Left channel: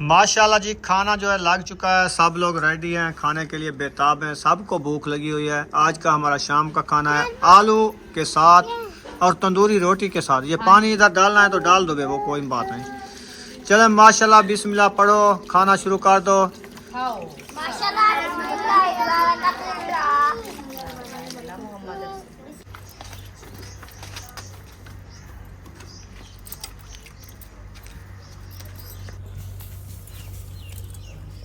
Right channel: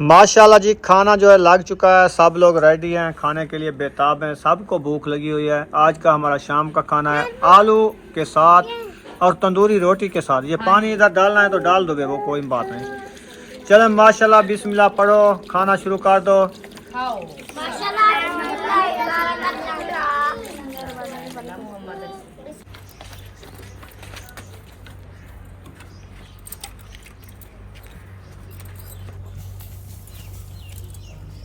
माशाल्लाह जी, खाना जो है लग चुका है। सब लोग रेडी हैं, खाने के लिए बेताब हैं। सबको भूख लगी हुई है। आज का हमारा शाम का खाना है आलू के साथ और तंदूरी रोटी के साथ। ये पानी इधर डालना है तो डाल दोगे, वो कोई बात नहीं। चले माशाल्लाह, बिस्मिल्लाह पढ़ो, खाना शुरू कर दो।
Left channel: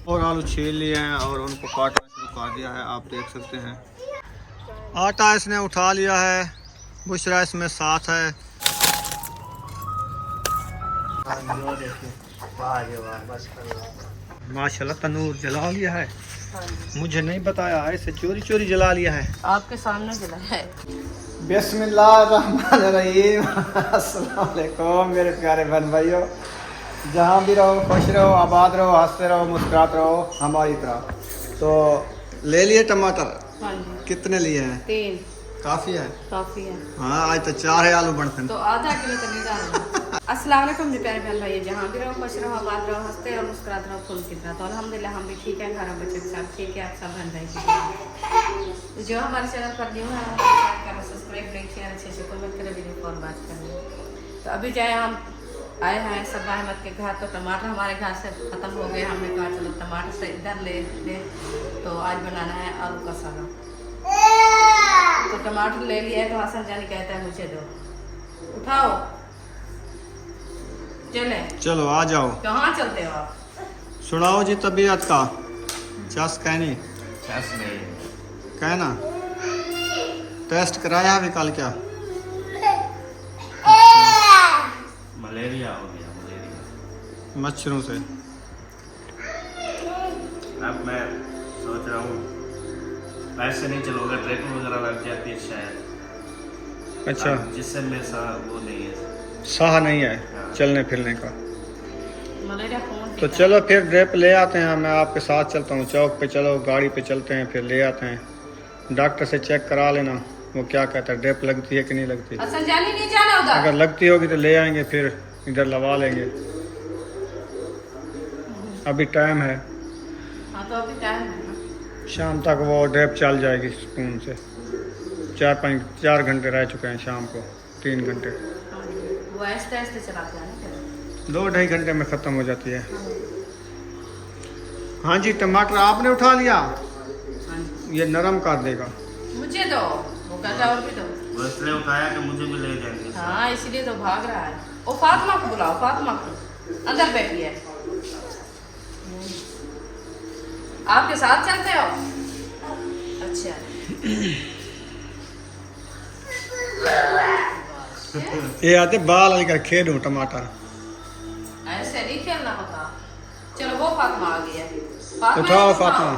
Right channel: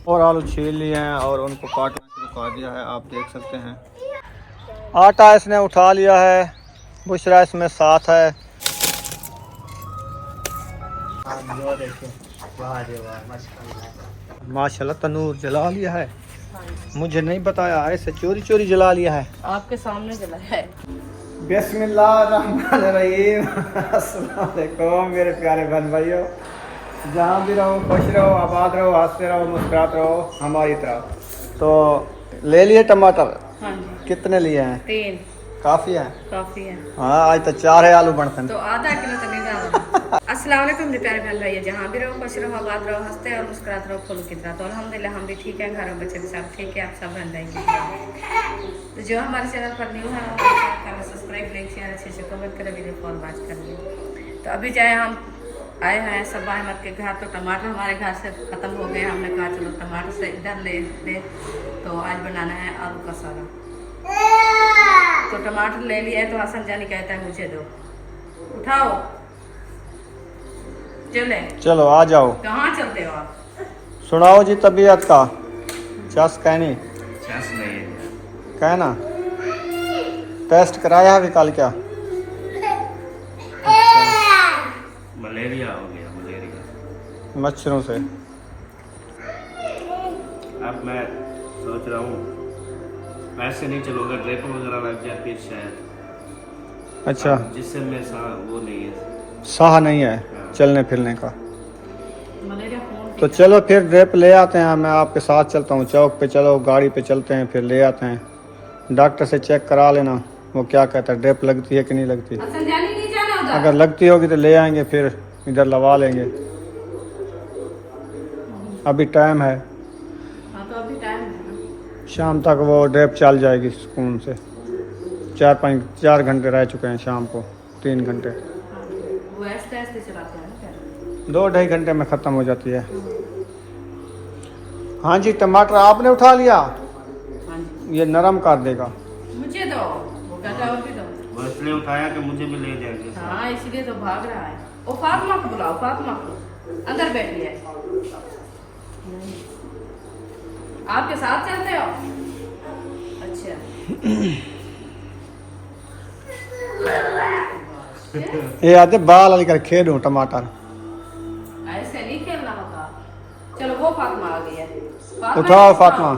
और आलू छील लिए हैं और उनको काटना शुरू कर दिया है, आप देख सकते हैं। आटा इसने उठा लिया है, बुशरा इसमें साथ है। माशाल्लाह तनूर जला लिया है, मुझे नहीं बताया, ऐसे चोरी चोरी जला लिया है। आपके सामने जलाया है। बिस्मिल्लाहिर्रहमानिर्रहीम। अस्सलाम वालेकुम मेरे प्यारे बहन भाइयों, जहाँ भी रहो खुश रहो, आबाद रहो, हंसते रहो, मुस्कुराते रहो हमारी तरह। तो ले लिए टमाटर? हाँ जी। कितने लिए हैं? 3 काफ़ी है? काफी है। हाँ, आज तो 4 है आलू बनते हैं। तो आधा किलो तो नहीं डालना। अस्सलाम वालेकुम मेरे प्यारे बहन भाई, जहाँ भी रहो खुश रहो, आबाद रहो, हंसते और मुस्कुराते रहो फूल की तरह। तो अल्हम्दुलिल्लाह हम भी ठीक है, घर में बच्चे भी सब ठीक है, आप सब बहन भाई। तो जो हमारे चैनल पर न्यू है सब्सक्राइब लाइक शेयर अच्छे से कमेंट करें, वीडियो कॉल बात करें। तो अभी जाए हम आए हैं सब अहमद के घर, तो टमाटर हमारे घर से ख़त्म हो गए। हमने कहा चलो टमाटर से इधर ले। तो आज बनाना है आलू का सालन। तो टमाटर ले लिए तो हसन जानी कहता है मुझे दो, उठाओ चले। चलो आ जाओ। कहाँ चलते हो आप? सुनाओ जी तबीयत का। चस कहनी चस नहीं कहना। टेस्ट कराया अभी कल क्या? मलेरिया हो गया, मलेरिया। मच्छरों से। अब मैं सोच रहा हूँ ऐसे नहीं चलूंगा, ड्रिप वगैरह लग जाती है शायद। अच्छा, जिससे मैं वो नहीं है, साह नहीं है हाँ। चलने फिरने का। मलेरिया कौन? तो चलो फिर ड्रिप ले आते हैं, मैं आपके साथ चलता हूँ। चौक पे चलो, गाड़ी पे चलते हैं, फिर ले आते हैं। डॉक्टर से चेक करा लेना, वो क्या कहता है, ड्रिप लगती है कि नहीं लगती। हसन जानी नहीं जाना उधर। अगर लगती होगी तो ले आएंगे, फिर इधर लगा लेंगे। अभी टाइम है, हाँ तो अभी टाइम है ना। शाम तक वो ड्रिप चल जाएगी सुकून से। 4 घंटे रह चुके हैं शाम को, 3 घंटे। हाँ, वो ऐसे ऐसे चलाते हैं ना। 2-2.5 घंटे में ख़त्म हो जाती है। हाँ जी, टमाटर आपने उठा लिया, हाँ जी। ये नरम कर देगा। मुझे दो, वो कहता है और भी दो। वो इसलिए उठाया कि मुझे भी ले जाएंगे। हाँ इसलिए तो भाग रहा है। ओ फातिमा को बुलाओ, फातिमा को अंदर बैठी है। आपके साथ चलते हो? अच्छा। ये आते बाल लेकर खेलूं टमाटर। ऐसे नहीं खेलना होता। चलो वो फातिमा आ गई है। उठाओ फातिमा।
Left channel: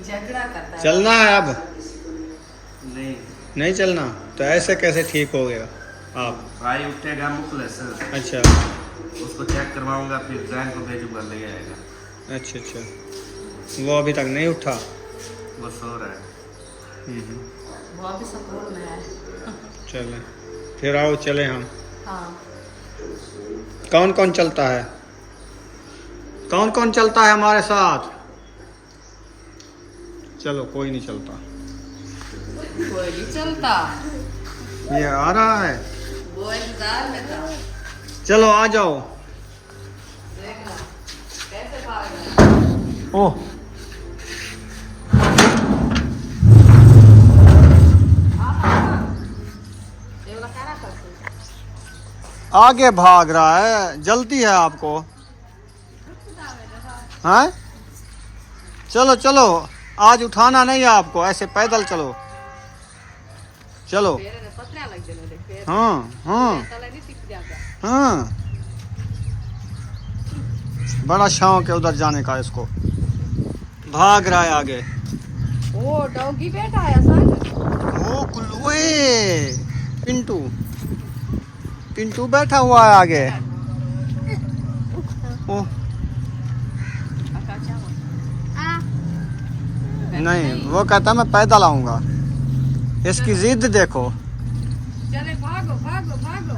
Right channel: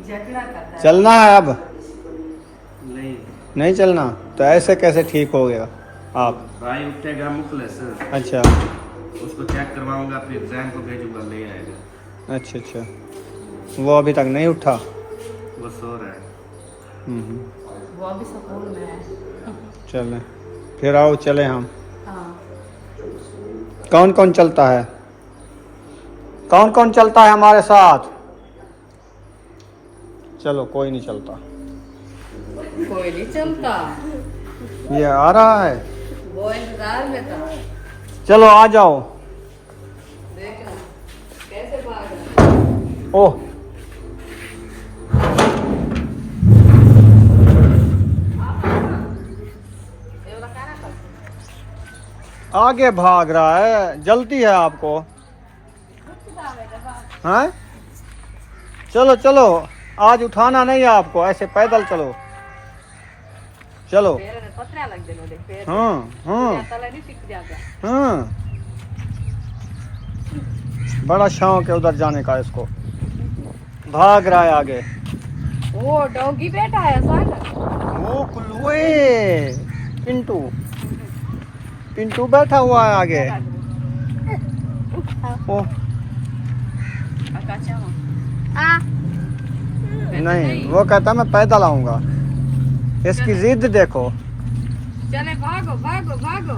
झगड़ा करता है। चलना है अब? नहीं, नहीं चलना तो ऐसे कैसे ठीक हो गया आप? भाई उठेगा मुखलिस, अच्छा उसको चेक करवाऊंगा, फिर जैन को भेजूंगा, ले आएगा। अच्छा अच्छा, वो अभी तक नहीं उठा? वो सो रहा है। वो अभी स्कूल में है। चले फिर आओ, चले हम। हाँ। कौन कौन चलता है? कौन कौन चलता है हमारे साथ? चलो कोई नहीं चलता। कोई नहीं चलता, ये आ रहा है, वो इंतजार में था। चलो आ जाओ। देखना कैसे भाग रहा है। ओह, आगे भाग रहा है, जल्दी है आपको? हाँ चलो चलो, आज उठाना नहीं है आपको, ऐसे पैदल चलो। चलो। हाँ हाँ हाँ, बड़ा शौक है उधर जाने का इसको, भाग रहा है आगे। वो डॉगी बैठा है साथ। वो कुल्लुए पिंटू, पिंटू बैठा हुआ है आगे। ओ अच्छा। नहीं, वो कहता मैं पैदल आऊंगा। इसकी जिद देखो। चले भागो भागो भागो।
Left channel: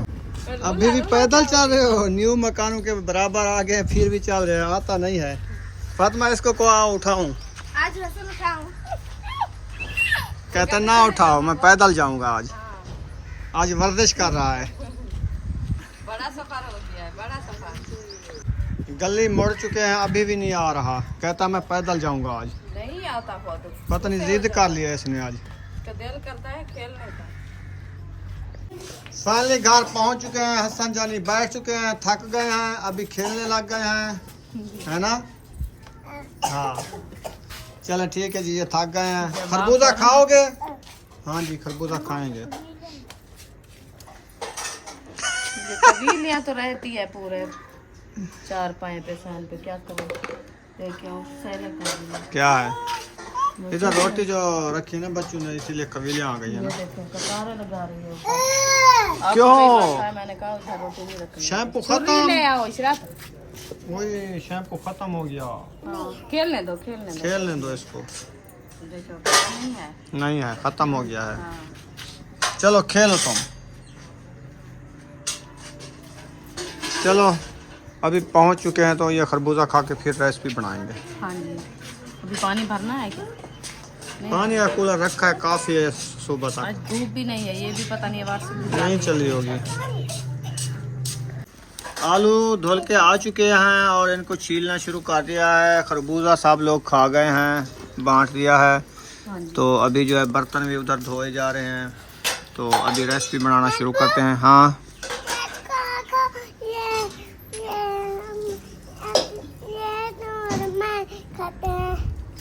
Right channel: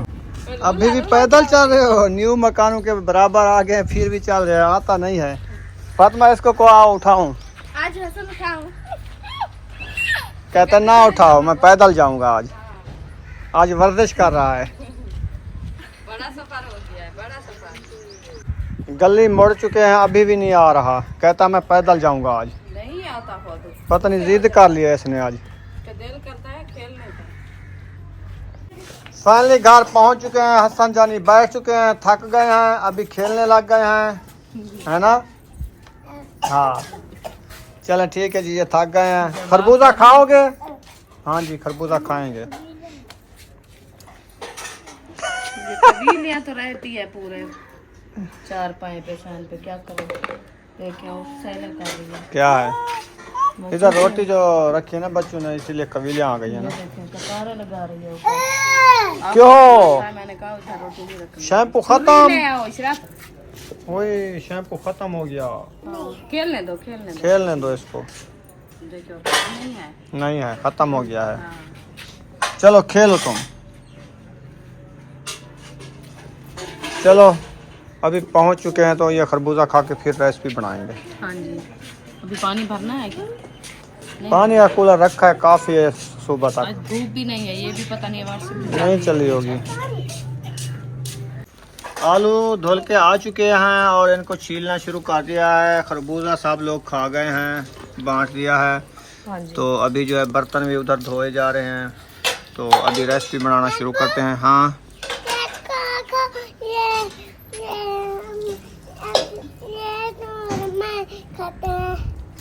अभी भी पैदल चल रहे हो, न्यू मकानों के बराबर आ गए, फिर भी चल रहे हो, आता नहीं है। फातिमा इसको को आओ उठाऊं? आज रसन उठाऊं? कहता ना उठाओ, मैं पैदल जाऊंगा आज। आज वर्जिश कर रहा है। बड़ा सफर हो गया है, बड़ा सफर। गली मुड़ चुके हैं, अभी भी नहीं आ रहा। कहता मैं पैदल जाऊंगा आज। नहीं आता फोटो। पता नहीं जिद कर लिया इसने आज। तो दिल करता है खेलने का। फाइनली घर पहुंच चुके हैं, हसन जानी बैठ चुके हैं, थक गए हैं, अभी खेलने लग गए हैं, है ना? हाँ चलें ठीक है जी, ये थक गए हैं। खरबूजा खाओगे? हाँ जी खरबूजा खाएंगे। कबीलियाँ तो रहती है पूरे चार पाए पे फैन पे, क्या करें? लेके आओ सैलर कर रही है। क्या है इधर रोटी जो रखी है ना बच्चों ने, इसीलिए कबीलियाँ आ गई है ना। कतारा लगा रही है ऊपर। क्यों? मैंने कहा उधर रोटी भी रखी। शैम्पू खत्म? ले आओ इशरत। वही शैम्पू खत्म हो गया। खेलने दो खेलने दो। खेलने दो इसको। देखो नहीं है। नहीं है, खत्म हो गया है। चलो खेलो तुम। चलो अभी पहुंच चुके हैं, तो ये खरबूजा खा के फिर रेसिपी बनाएंगे। हाँ जी अभी पानी भरना है क्या? पानी का कूलर रखा है, काफी है सुबह आज तक। धूप भी नहीं है, ये भी पता नहीं है नहीं चली होगी। आलू धुल के आ चुके हैं और इनको छीलना शुरू कर दिया है। खरबूजा सब लोग खा गए हैं, बांट दिया है। हाँ जी। तो अभी जो है बर्तन भी उधर धोए जा रहे हैं, तो अभी रेसिपी बनाना शुरू करते हैं। हाँ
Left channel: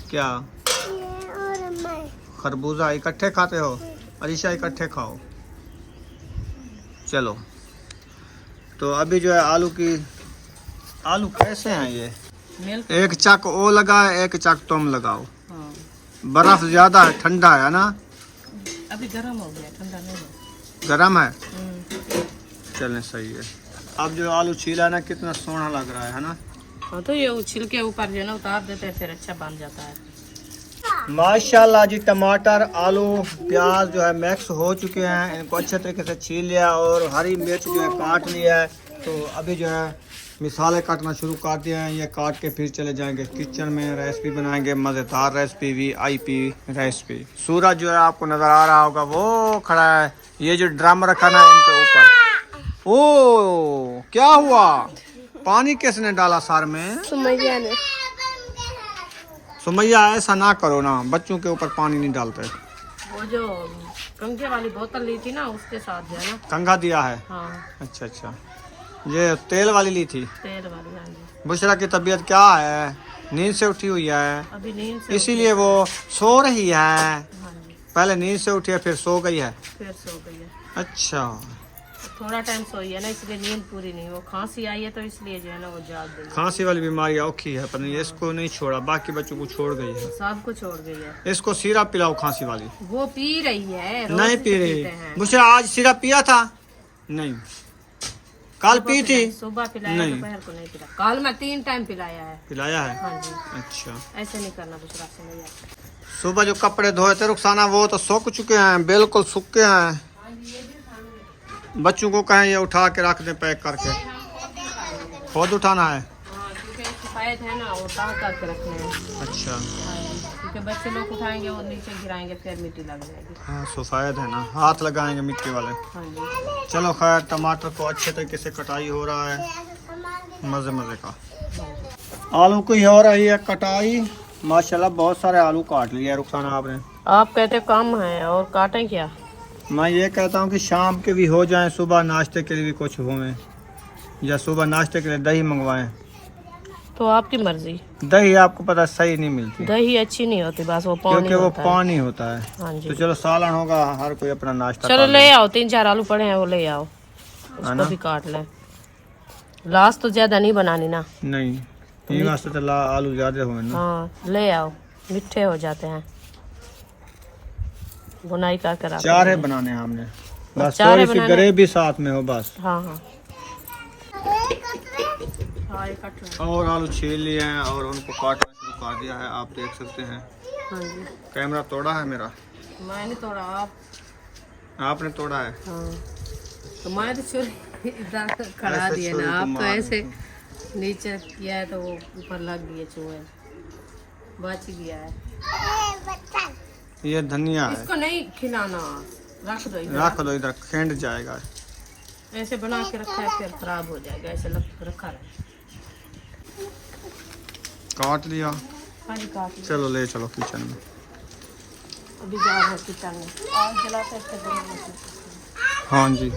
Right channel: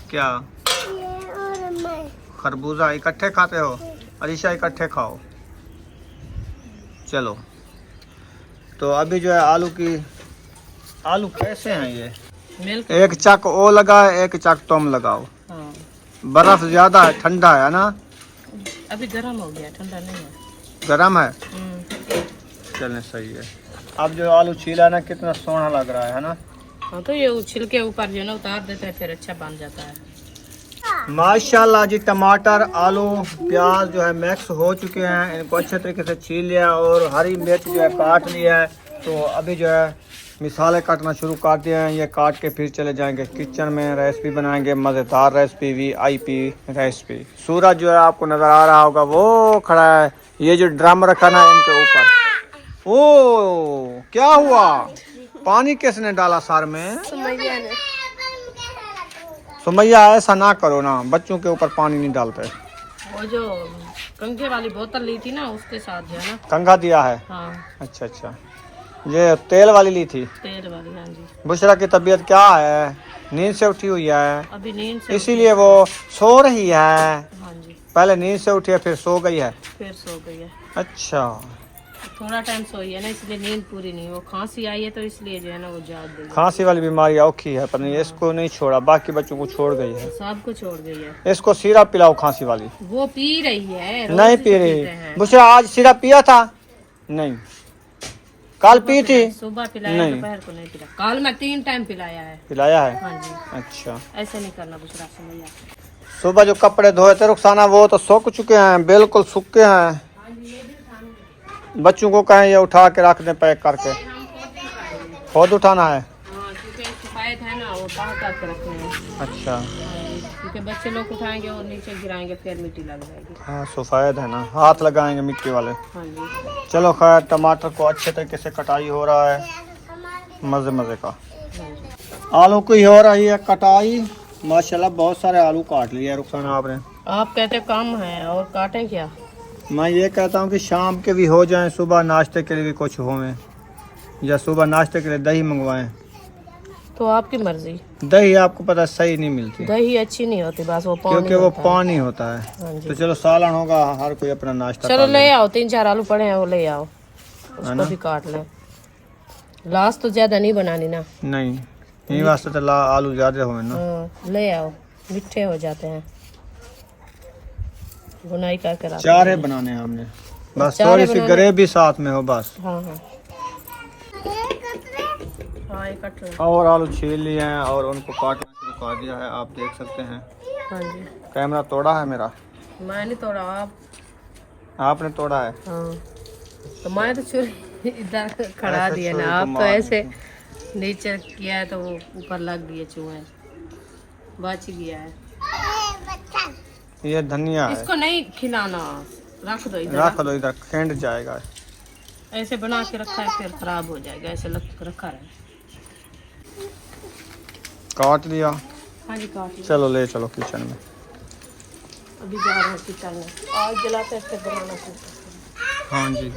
क्या खरबूजा इकट्ठे खाते हो? अरीशा इकट्ठे खाओ। चलो तो अभी जो है आलू कैसे हैं ये? मिल्क। एक चक ओ लगा है, एक चक तुम लगाओ। हाँ। बर्फ ज्यादा है, ठंडा है ना? अभी गर्म हो गया, ठंडा नहीं है। गरम है? चलने सही है। अब जो आलू छीला ना कितना सोना लग रहा है ना? हाँ तो ये छिल के ऊपर जो है ना उतार देते हैं, फिर अच्छा बन जाता है। माशाल्लाह जी, टमाटर आलू प्याज जो है मिक्स हो चुके हैं। इनको अच्छे तरीके से छील लिया और हरी मिर्च जो है काट लिया है। तो अभी जो है मिसाले काटना शुरू कर दिए हैं। ये काट के फिर चले जाएंगे किचन में, रेसिपी बनाएंगे, मज़ेदार रेसिपी, VIP रेसिपी। सूरज जो है आपको नज़र आ रहा होगा, वो खड़ा है। ये जो ड्रम रखा ना इनके ऊपर। ओ क्या हुआ? पानी किसने डाला सर में? सुमैया ने। सुमैया ऐसा ना करो ना, बच्चों के ऊपर पानी नहीं डालते। वो जो कंघे वाली बोतल ली थी ना, उसके साथ जो है ना। कंघा दिया है? हाँ। अच्छा अच्छा, ये तेल वाली ली थी? तेल वाली, हाँ जी। बुशरा की तबीयत क्या है? नींद से उठी हुई है? अभी नींद से इसीलिए वो सो रही है। हाँ जी। पहले नींद से उठी है फिर सो गई है? फिर सो गई है। अच्छा थोड़ा टाइम सोई है ना, इसलिए नींद पूरी नहीं। वो खांसी आई है तो इसलिए जो है ना वो जाग गई है। खांसी वाली बीमारी औखी है, पर नहीं इसको नहीं छोड़ा, बाकी बच्चों को छोड़ गई है। सबको छोड़ गई है। इसको सिरप पिलाओ खांसी वाली। वो पी रही है, रोज नहीं से पी रही। पीते हैं। बुशरा आज सिरप पिया था? नहीं। कल पी थी? सुबह पिलाया, नहीं। दोपहर को नहीं पिला। कल मैं 3 टाइम पिलाया है। पिलाया है? हाँ जी। अच्छा, ऐसे नहीं करना बुशरा से भैया। सुबह जो कपड़े धोए थे रुखसाना, वो तो सूख चुके हैं, बिल्कुल सूखे हैं। बच्चों को कहें ये उठा के रख दें पैक करके। खुद उठाना है? हाँ, क्योंकि सफेद है ना, वो ताक करके रखने हैं। अच्छा हाँ जी, क्योंकि बच्चे लोग उठाएंगे और नीचे गिराएंगे, फिर मिट्टी लग जाएगी। हाँ सफेद है ना, हाथ लगाएंगे मिट्टी वाले। हाँ जी। चलो खैर, टमाटर को अच्छे तरीके से कटाई हो रहा है, मजे मजे का। आलू की हो रही है कटाई। माशाल्लाह बहुत सारे आलू काट लिए रुखसाना आपने। आप कहते कम है और काटें क्या? मैं ये कहता हूँ कि शाम के भी हो जाएं, सुबह नाश्ते के लिए भी कुछ होवें, या सुबह नाश्ते के लिए दही मंगवाएं। तो आपकी मर्जी। दही आपको पता सही नहीं मिलती, दही अच्छी नहीं होती, बस वो पानी क्योंकि वो होता है। पानी होता है। हाँ जी। तो चलो सालन होगा, हर कोई अपना नाश्ता चलो कर ले ले। आओ, 3-4 आलू पड़े हैं, वो ले आओ, ना? उसको भी काट लें। लास्ट तो ज्यादा नहीं बनानी ना। नहीं, यही वास्ते तो आलू ज्यादा हो ना। हाँ ले आओ, मिठे हो जाते हैं। बुनाई करके रख। 4 है बनाने हैं हमने, बस चार थोड़ी सी बनाने। ग्रेवी साथ में हो बस। हाँ हाँ हाँ, ये कट लो। और आलू छील लिए हैं और उनको काटना शुरू कर दिया है, आप देख सकते हैं। हाँ जी। कैमरा तोड़ा है मेरा? मैं नहीं तोड़ा, आप आपने तोड़ा है? हाँ तो मैं तो छुरी इधर खड़ा ऐसे दिया छुरी ना, को आप तो मार ऐसे नीचे किया है तो वो ऊपर लग गया, चूहे बच गया है। ये धनिया है, इसको नहीं खिलाना, रख दो इधर। रख दो इधर, खेंड जाएगा। ऐसे बना के रखा है फिर खराब हो जाएगा, ऐसे रखा रहे। काट दिया। हाँ जी काट लिया। चलो ले चलो किचन में। अभी जा रहे हैं किचन में, आग जलाते फिर बनाना शुरू करते हैं। हाँ जी।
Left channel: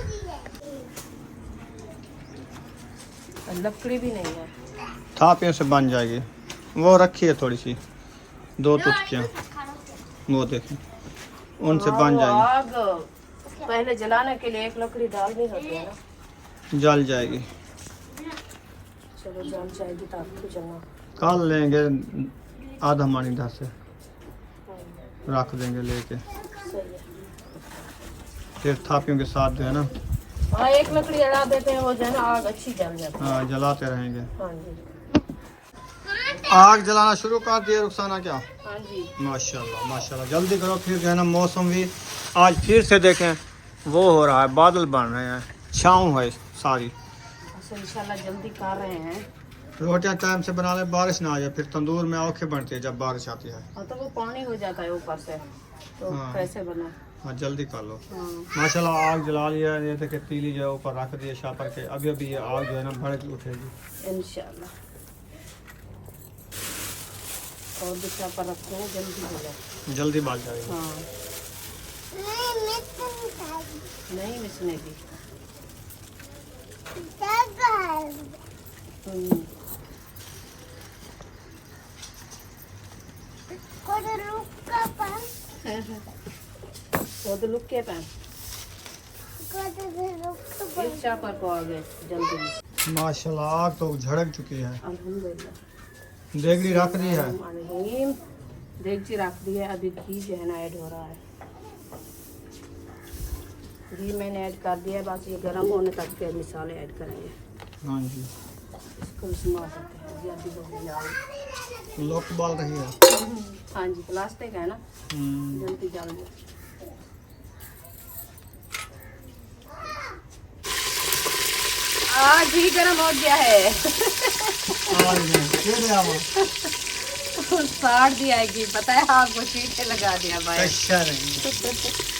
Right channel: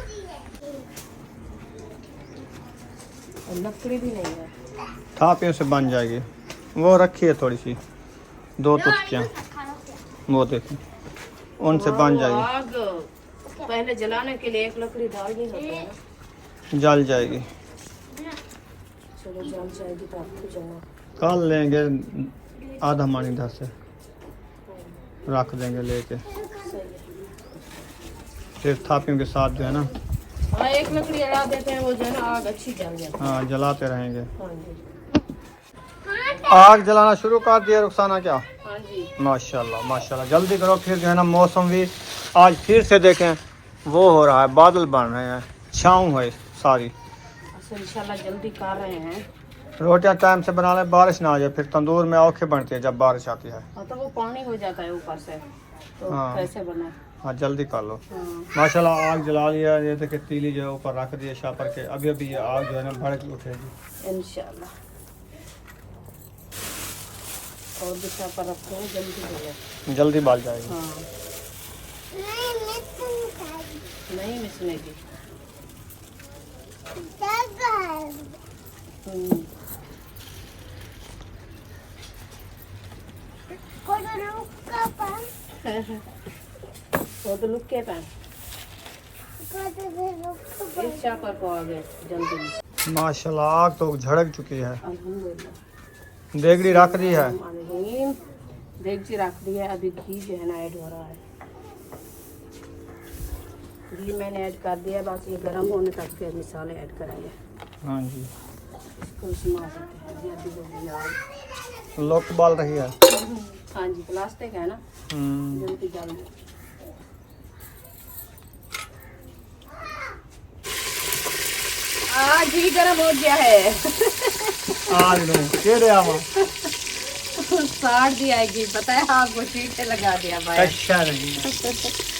और लकड़ी भी नहीं है। थापियों से बन जाएगी। वो रखी है थोड़ी सी, 2 टुकड़ियाँ, वो देखिए उनसे बन जाएगी। आग पहले जलाने के लिए 1 लकड़ी डालनी होती है ना। जल जाएगी। चलो जल जाएगी तो आपको जलना। काल लेंगे आधा मानी इधर से रख देंगे लेके, सही है। फिर थापियों के साथ जो है ना, हाँ 1 लकड़ी अड़ा देते हैं, वो जो है ना आग अच्छी जल जाती है। हाँ जलाते रहेंगे। हाँ जी। आग जलाना शुरू कर दिया रुखसाना क्या? हाँ जी। माशाल्लाह माशाल्लाह, जल्दी करो। फिर जो है ना मौसम भी आज फिर से देखें वो हो रहा है, बादल बन रहे हैं, छाँव है सारी। अच्छा इंशाल्लाह जल्दी कर रहे हैं। रोटियां टाइम से बना लें, बारिश ना आ जाए, फिर तंदूर में औखे बनती है जब बारिश आती है। हाँ तो वो पानी हो जाता है ऊपर से, तो हाँ। कैसे बना। हाँ जल्दी कर लो। हाँ। माशाल्लाह आग जला लिया। ये देखिए तीली जो है ऊपर रख दी है शापर के, अभी अभी ये आग जो है ना भड़क उठेगी इंशाल्लाह। और भी पर रखते हैं, जल्दी हो जाए। जल्दी बाल जाएगी। हाँ नहीं मिसने की। वो तो लुक के पैन एक चापर को आ गए जल्दी। माशाल्लाह आग तो झड़क चुकी है। अल्हम्दुलिल्लाह। देगड़ी रख दी है। देगची रख दी है। अभी घी जो है ना ऐड हो रहा है। घी मैंने ऐड कर दिया, बस ये गर्म होने तक फिर मसाले ऐड करेंगे। हाँ जी। इसको इस्तेमाल करते हैं जी। अभी हो गया लोग बाल रही है। हाँ जी, प्लास्टिक है ना, जल्दी जल जाए। आज ही गर्म हो गया है। साड़ दिया है घी, पता है आपको, शीटे लगा दिया भाई। अच्छा नहीं,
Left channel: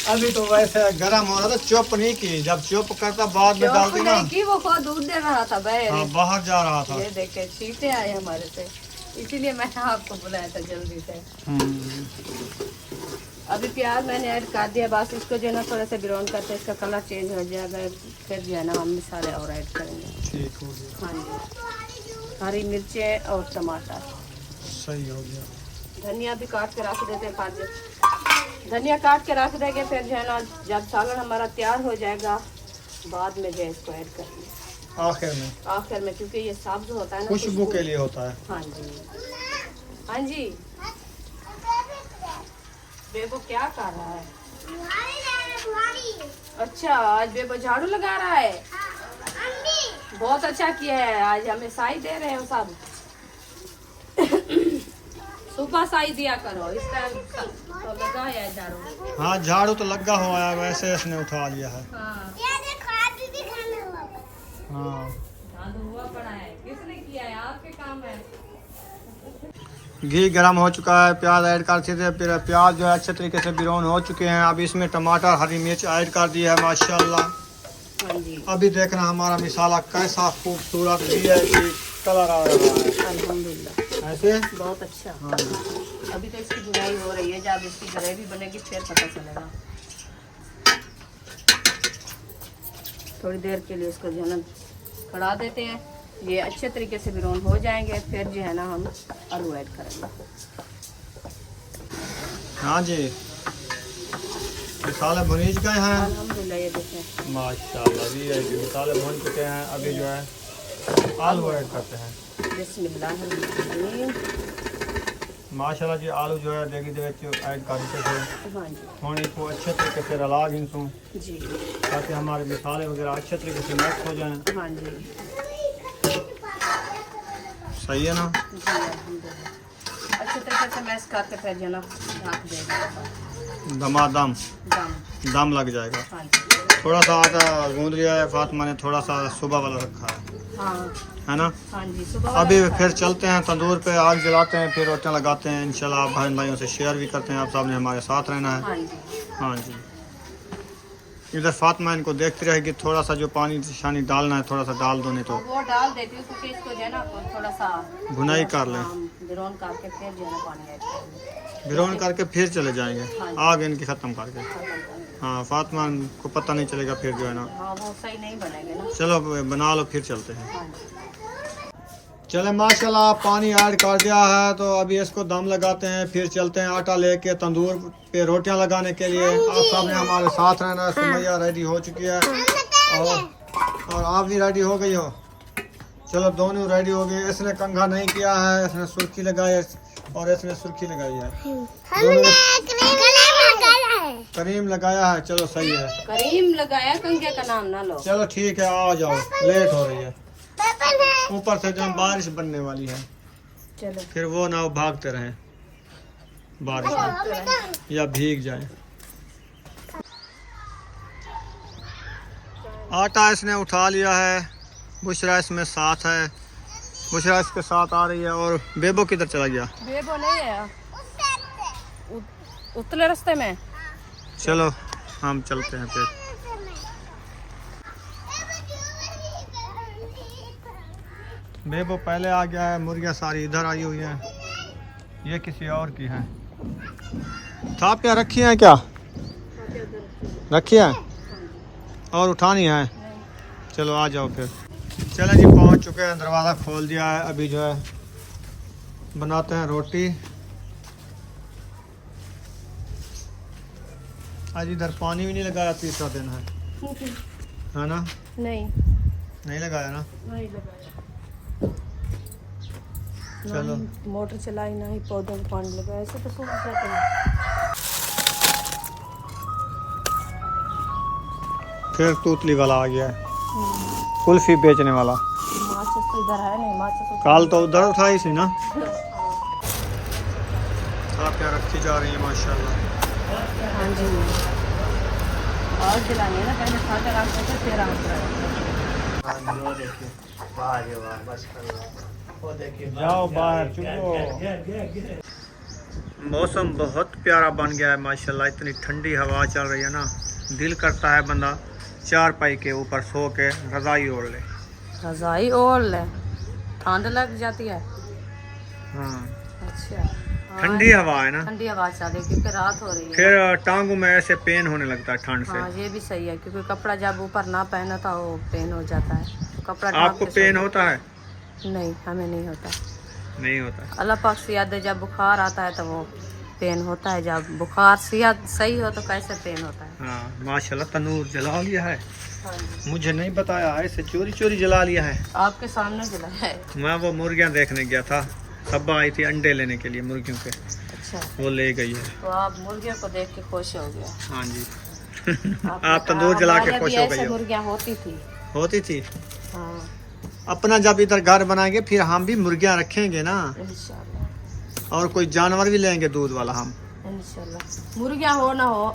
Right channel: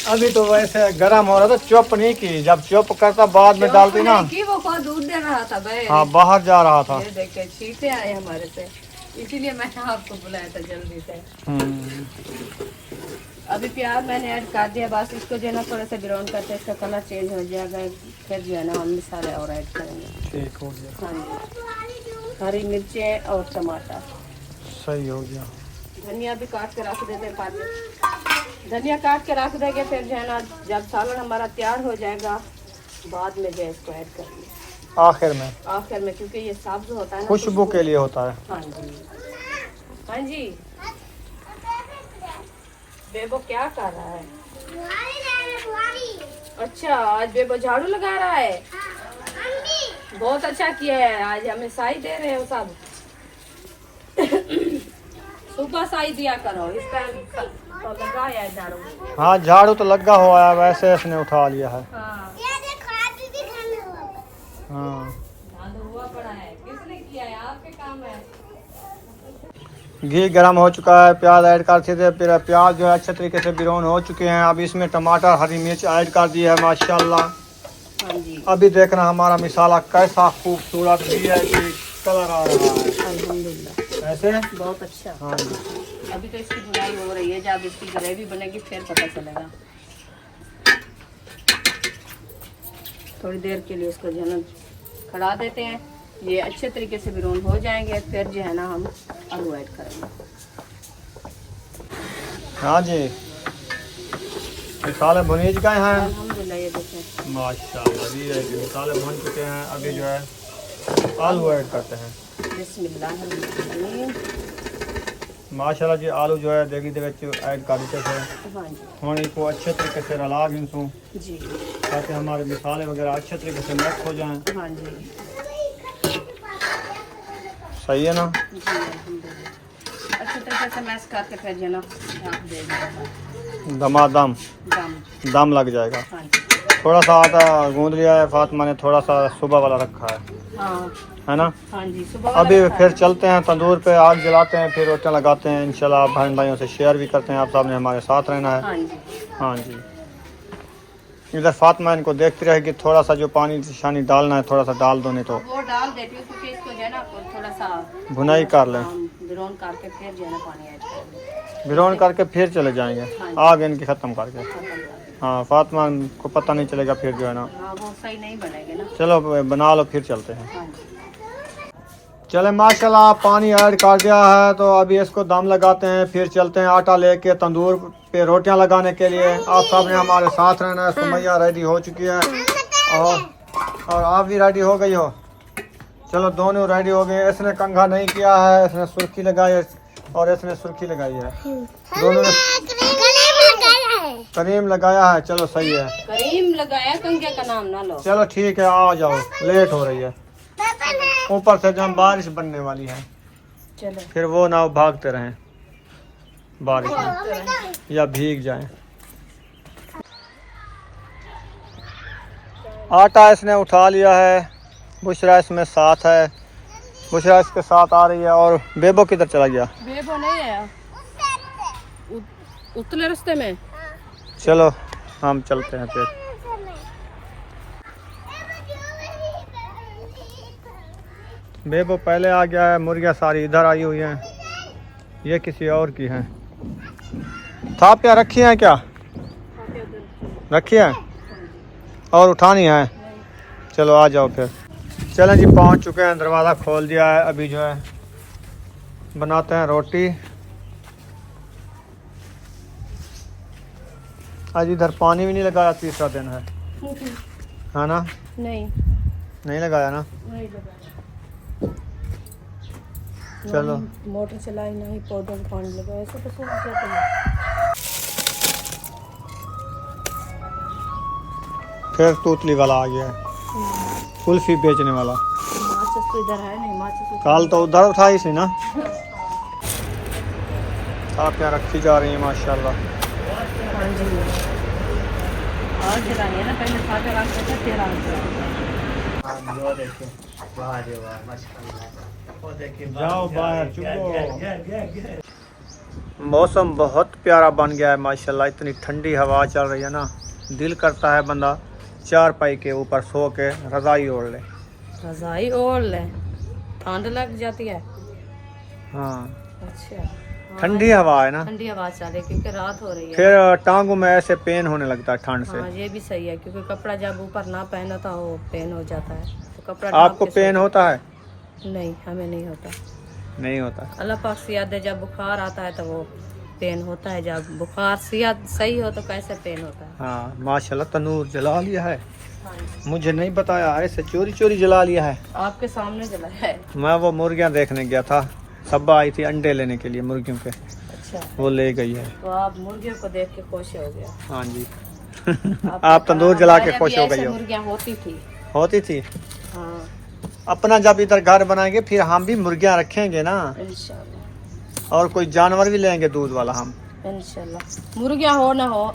अभी तो वैसे गर्म हो रहा था, चुप नहीं की। जब चुप करता बाद में डालती ना कि वो खुद दूध दे रहा था भाई। हाँ बाहर जा रहा था। ये देखे शीटे आए हमारे से, इसीलिए मैंने आपको बुलाया था जल्दी से। अभी प्याज मैंने ऐड कर दिया, बस इसको जो है ना थोड़े से ब्राउन करते इसका कलर चेंज हो जाएगा, फिर जो है ना हम मसाले और ऐड करेंगे। ठीक हो गया। हाँ जी, हरी मिर्चें और टमाटर। सही हो गया। धनिया भी काट के रख देते हैं, काट धनिया काट के रख देंगे, फिर जो है ना जब सालन हमारा तैयार हो जाएगा बाद में जो है इसको ऐड करेंगे आखिर में, क्योंकि ये सब्ज होता है ना, खुशबू के लिए होता है। हाँ जी। हाँ जी, बेबो क्या कर रहा है? अच्छा, आज बेबो झाड़ू लगा रहा है। बहुत अच्छा किया है, आज हमें साई दे रहे हो सब। सुबह साई दिया करो, इसका तो लगाया है झाड़ू। हाँ झाड़ू तो लगा हुआ है, वैसे इसने उठा लिया है। हाँ। हाँ। किसने किया है? आपके काम है। घी गर्म हो चुका है, प्याज ऐड कर थे, फिर प्याज जो है अच्छे तरीके से ब्राउन हो चुके हैं। अब इसमें टमाटर हरी मिर्च ऐड कर दी है। माशाल्लाह। हाँ जी। अभी देखना हमारा मसाला कैसा खूबसूरत भी है कि कलर आ रहा है। अल्हम्दुलिल्लाह, ऐसे बहुत अच्छा। हाँ जी। अभी तो इसकी बुनाई हो रही है, जब इसकी ग्रेवी बनेगी फिर पता चलेगा। थोड़ी देर के लिए इसको जो है ना खड़ा देते हैं, ये अच्छे तरीके से ब्राउन हो जाएंगे, फिर जो है ना हम आलू ऐड करेंगे। हाँ जी, मसाले भुनी गए हैं। अल्हम्दुलिल्लाह, ये देखें माशाल्लाह भी है, मसाले भुन चुके हैं। अभी जो है आलू ऐड करते हैं। बिस्मिल्लाह। माशाल्लाह जी, आलू जो है देगी दे ऐड कर देते थे। हाँ जी। हम इसको अच्छे तरीके से रला गिनसूँ जी। ताकि हमारे मसाले वगैरह अच्छे तरीके से मिक्स हो जाएं। हाँ जी। सही है ना? जी अल्हम्दुलिल्लाह, अच्छे तरीके से मैश करके फिर जो है ना ढक देंगे। दमादम दम। दम लग जाएगा। हाँ जी। थोड़ा सा आटा गूंद लिया है फातिमा ने, थोड़ा सा सुबह वाला रखा है हाँ है ना। हाँ जी, सुबह अभी वाला फिर खाया। चलते हैं तंदूर पे, आग जलाते हैं, फिर रोटियां लगाते हैं इंशाल्लाह। आप बहन भाइयों से शेयर भी करते हैं, आप साहब ने हमारे साथ रहना है। हाँ जी। हाँ जी। इधर फातिमा इनको देखती रहेगी, थोड़ा सा जो पानी शानी डालना है थोड़ा सा डाल दो, नहीं तो वो डाल देती हूँ क्योंकि इसको जो है ना थोड़ा सा भुनाई कर लें। बिरौन करके फिर जो है ना पानी ऐड करेंगे। भिरोन करके फिर चले जाएंगे हाँ जी। आग इनकी ख़त्म करके। खत्म कर देंगे। हाँ फातिमा को पता नहीं चलेगा फिर जो है ना। हाँ वो सही नहीं बनेंगे ना। चलो बना लो फिर चलते हैं। हाँ जी। चले माशाल्लाह पानी ऐड कर दिया है, तो अभी इसको दम लगाते हैं, फिर चलते हैं आटा लेके तंदूर पे रोटियां लगाने के लिए। आप सब ने हमारे साथ रहना है। सुमैया रेडी हो चुकी है और आप भी रेडी हो गई हो। चलो दोनों रेडी हो गए। इसने कंघा नहीं किया है, इसने सुर्खी लगाई है और इसने सुर्खी लगाई है। दोनों ने करीम लगाया है। चलो सही है। करीम लगाया, कंगे का नाम ना लो। चलो ठीक है, आ जाओ, लेट हो रही है। ऊपर से जब बारिश बनने वाली है, चलो फिर वो ना भागते रहें बारिश में या भीग जाएं। आटा इसने उठा लिया है, बुशरा इसमें साथ है, बुशरा इसके साथ आ रही है। और बेबो किधर चला गया? बेबो नहीं है, उतले रास्ते में। चलो हम चलते हैं फिर। बेबो पहले आ गया है, मुर्गियाँ सारी इधर आई हुई हैं, ये किसी और की हैं। थापियाँ रखी हैं क्या? रखी हैं और उठानी है? चलो आ जाओ फिर। चलें जी, पहुंच चुके हैं, दरवाज़ा खोल दिया है। अभी जो है बनाते हैं रोटी। आज इधर पानी भी नहीं लगाया, तीसरा दिन है ना? नहीं लगाया ना? नहीं लगाया। चलो मोटर चलाई ना ही पौधों को पानी लगाया, ऐसे तो सूख जाते हैं। फिर तूतली वाला आ गया है, कुल्फी बेचने वाला। माचिस तो इधर है नहीं, माचिस तो काल तो उधर उठाई सी ना। आप क्या रखी जा रही है माशाल्लाह। हाँ जी। और जलानी है ना, पहले खा कर रखते थे फिर जाओ बाहर मौसम बहुत प्यारा बन गया है माशाल्लाह। इतनी ठंडी हवा चल रही है ना, दिल करता है बंदा चार पाई के ऊपर सो के रजाई ओढ़ ले। रजाई ओढ़ ले, ठंड लग जाती है। हाँ अच्छा हाँ, ठंडी हवा है ना, ठंडी हवा चल रही है क्योंकि रात हो रही है। फिर टांगों में ऐसे पेन होने लगता है ठंड से। हाँ ये भी सही है क्योंकि कपड़ा जब ऊपर ना पहना था वो पेन हो जाता है, तो कपड़ा आपको पेन होता है? नहीं, हमें नहीं होता। नहीं होता। अल्लाह पाक से याद है, जब बुखार आता है तो वो पेन होता है, जब बुखार सेहत सही हो तो कैसे पेन होता है। हाँ माशाल्लाह तनूर जला लिया है, मुझे नहीं बताया, ऐसे चोरी चोरी जला लिया है। आपके सामने जला है। मैं वो मुर्गियाँ देखने गया था, सब्बा आई थी अंडे लेने के लिए मुर्गियों के, अच्छा वो ले गई है। तो आप मुर्गियों को देख के खुश हो गए। हाँ जी आपने आप तंदूर कहा, जला के हमारे खुश भी हो ऐसे गई हो। मुर्गियाँ होती थी। होती थी। हाँ अपना जब इधर घर बनाएंगे फिर हम भी मुर्गियाँ रखेंगे ना, इंशाल्लाह। और कोई जानवर भी लेंगे दूध वाला हम। इंशाल्लाह मुर्गियाँ हो ना हो,